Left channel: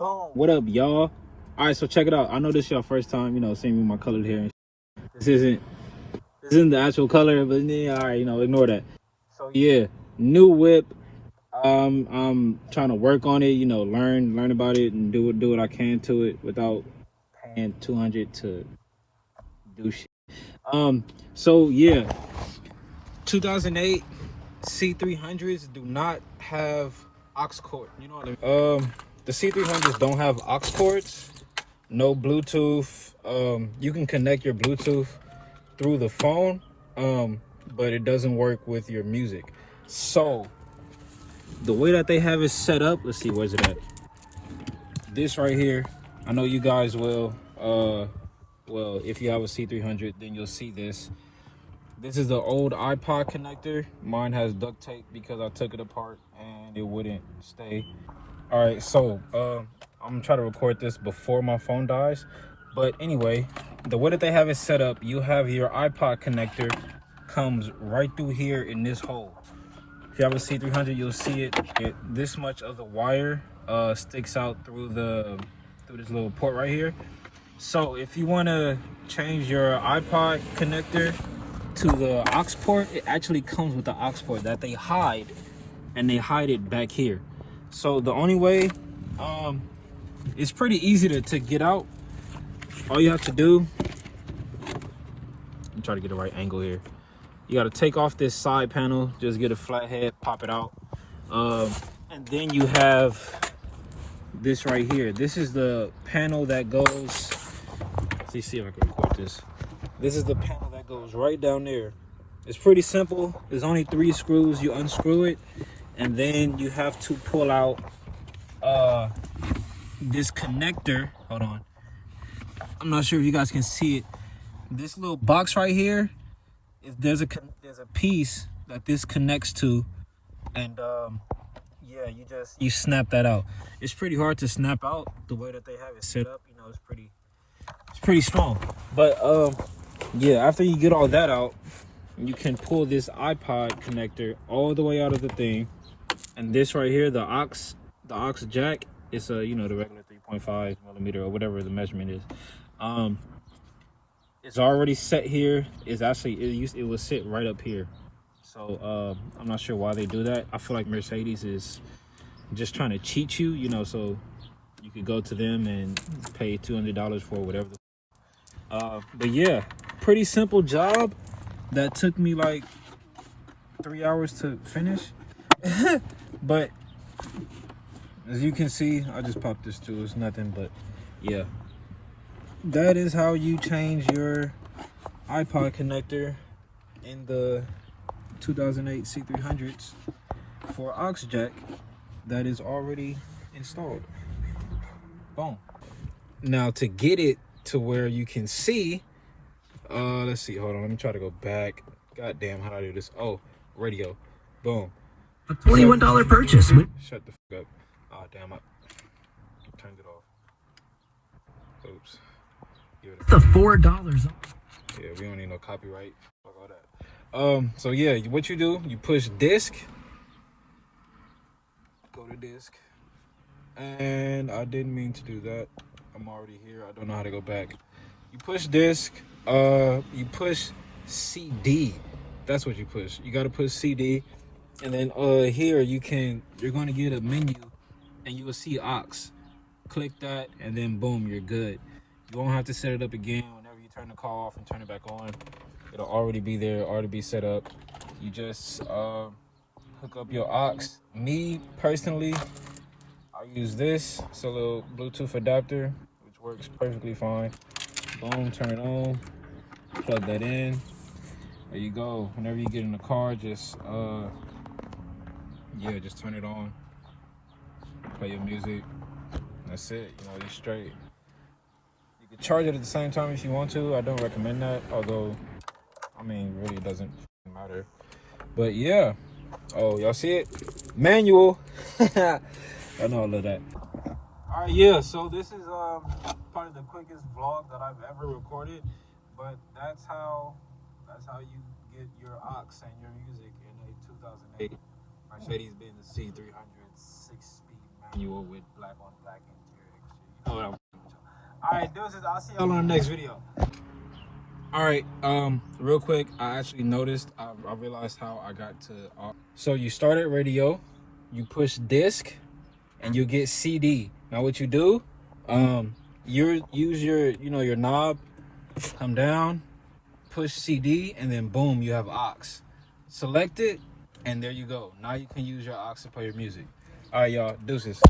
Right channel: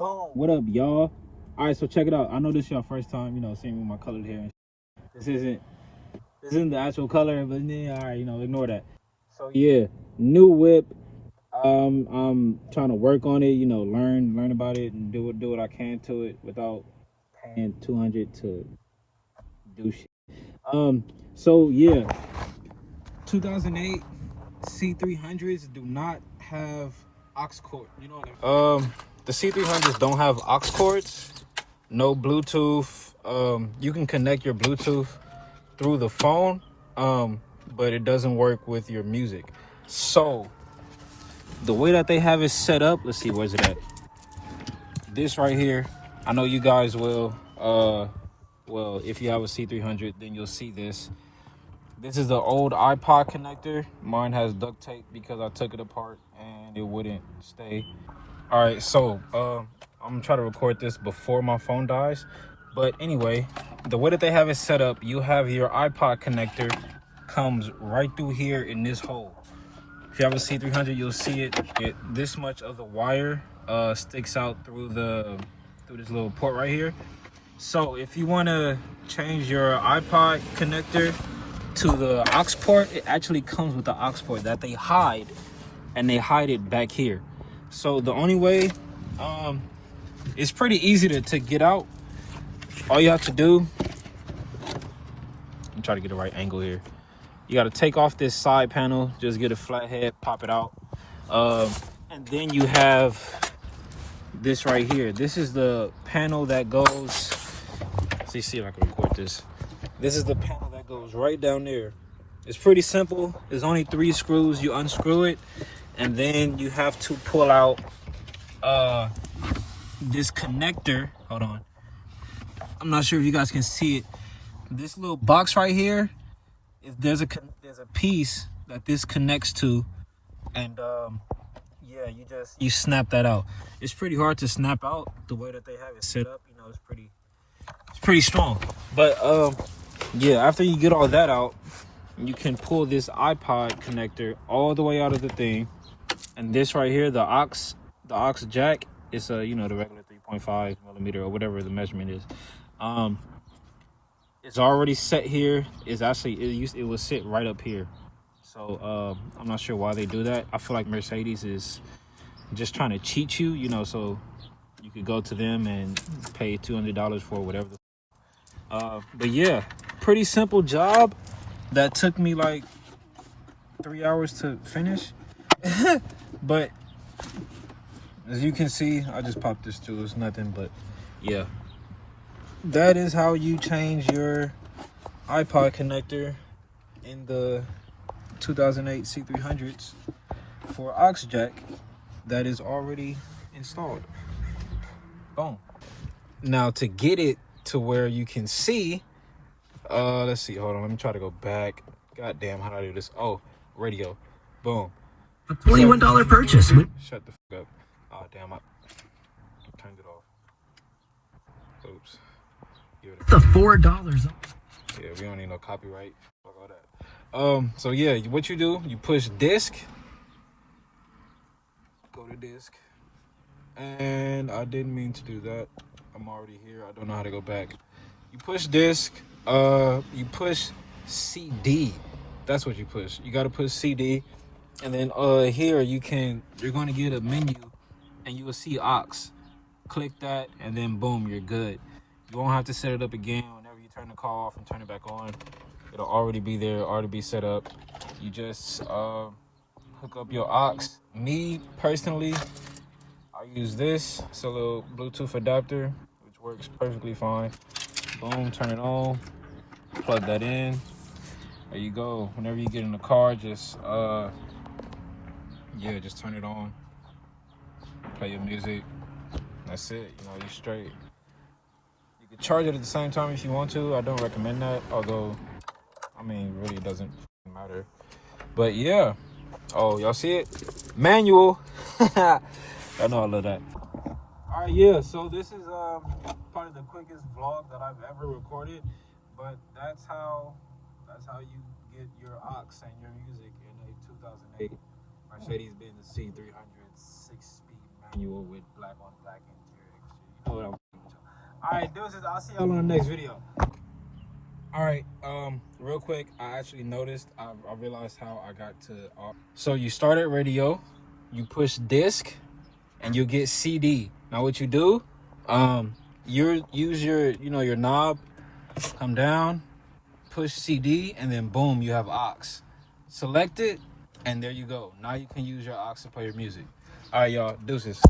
Boom. What up, y'all? All right, so check it out. I know this is your first time, seeing me with my colored hair. This isn't the actual color, but yeah, all right, ignore that. So yeah, new whip. I'm trying to work on it. Learn about it and do what I can to it without paying 200 to do shit. So yeah, 2008 C300s do not have aux cord. You know what I mean? The C300s don't have aux cords, no Bluetooth. You can connect your Bluetooth through the phone, but it doesn't work with your music. So the way that they have it set up, let's see, where's it at? This right here, I know you guys will. Well, if you have a C300, then you'll see this. This is the old iPod connector. Mine has duct tape because I took it apart and it wouldn't stay. All right, so I'm gonna try to record this before my phone dies. But anyway, the way that they have it set up, you have your iPod connector comes right through here in this hole. If you have a C300, you'll see it. This much of the wire sticks out through this little port right here. So if you want to change your iPod connector to the aux port, it actually comes with the aux port that they hide, and they hide it back here. So the only way, it's pretty easy to get out. All you have to do, I'm trying to get the right angle here. You got to take off this side panel, just get a flat head, pop it out. And then you have this right here. This is the panel that goes, let's see if I can record this. This is the panel that goes right down there. It's pretty simple. There's only 3 screws. You unscrew it, and then you have to pull out this connector. Hold on. I'm not sure if you guys can see it. This little box right here, there's a piece that this connects to, and yeah, you snap that out. It's pretty hard to snap out the way that they have it set up. It's pretty strong. But yeah, after you get all that out, you can pull this iPod connector all the way out of the thing, and this right here, the aux jack, is the regular 3.5 millimeter or whatever the measurement is. It's already set here. It's actually it will sit right up here. So I'm not sure why they do that. I feel like Mercedes is just trying to cheat you, so you could go to them and pay $200 for whatever. But yeah, pretty simple job that took me like 3 hours to finish. But as you can see, I just popped this too. It's nothing, but yeah, that is how you change your iPod connector in the 2008 C300s for aux jack that is already installed. Boom. Now to get it to where you can see, let's see, hold on, let me try to go back. God damn, how do I do this? Oh, radio. Boom. A $21 purchase. Shut the fuck up. Oh damn, I turned it off. Oops. The $4. Yeah, we don't need no copyright. Fuck all that. So yeah, what you do, you push disc. Go to disc. And I didn't mean to do that. I'm already here. I don't know how to go back. You push disc. You push CD. That's what you push. You gotta push CD. And then here you're going to get a menu, and you will see aux. Click that, and then boom, you're good. You won't have to set it up again. Whenever you turn the call off and turn it back on, it'll already be there, already be set up. You just hook up your aux. Me personally, I use this. It's a little Bluetooth adapter, which works perfectly fine. Boom, turn it on, plug that in. There you go. Whenever you get in the car, just just turn it on, play your music. That's it. You're straight. You can charge it at the same time if you want to. I don't recommend that, although really it doesn't matter. But yeah. Oh, y'all see it? Manual. I know I love that. All right, yeah. So this is probably the quickest vlog that I've ever recorded, but that's how you get your aux and your music in a 2008 Mercedes-Benz C300 6-speed manual with black on black interior. All right, deuces. I'll see y'all on the next video. All right, real quick, I actually noticed, I realized how I got to. So you start at radio, you push disc, and you get CD. Now what you do, you use your, your knob, come down, push CD, and then boom, you have aux. Select it, and there you go. Now you can use your aux to play your music. All right, y'all, deuces.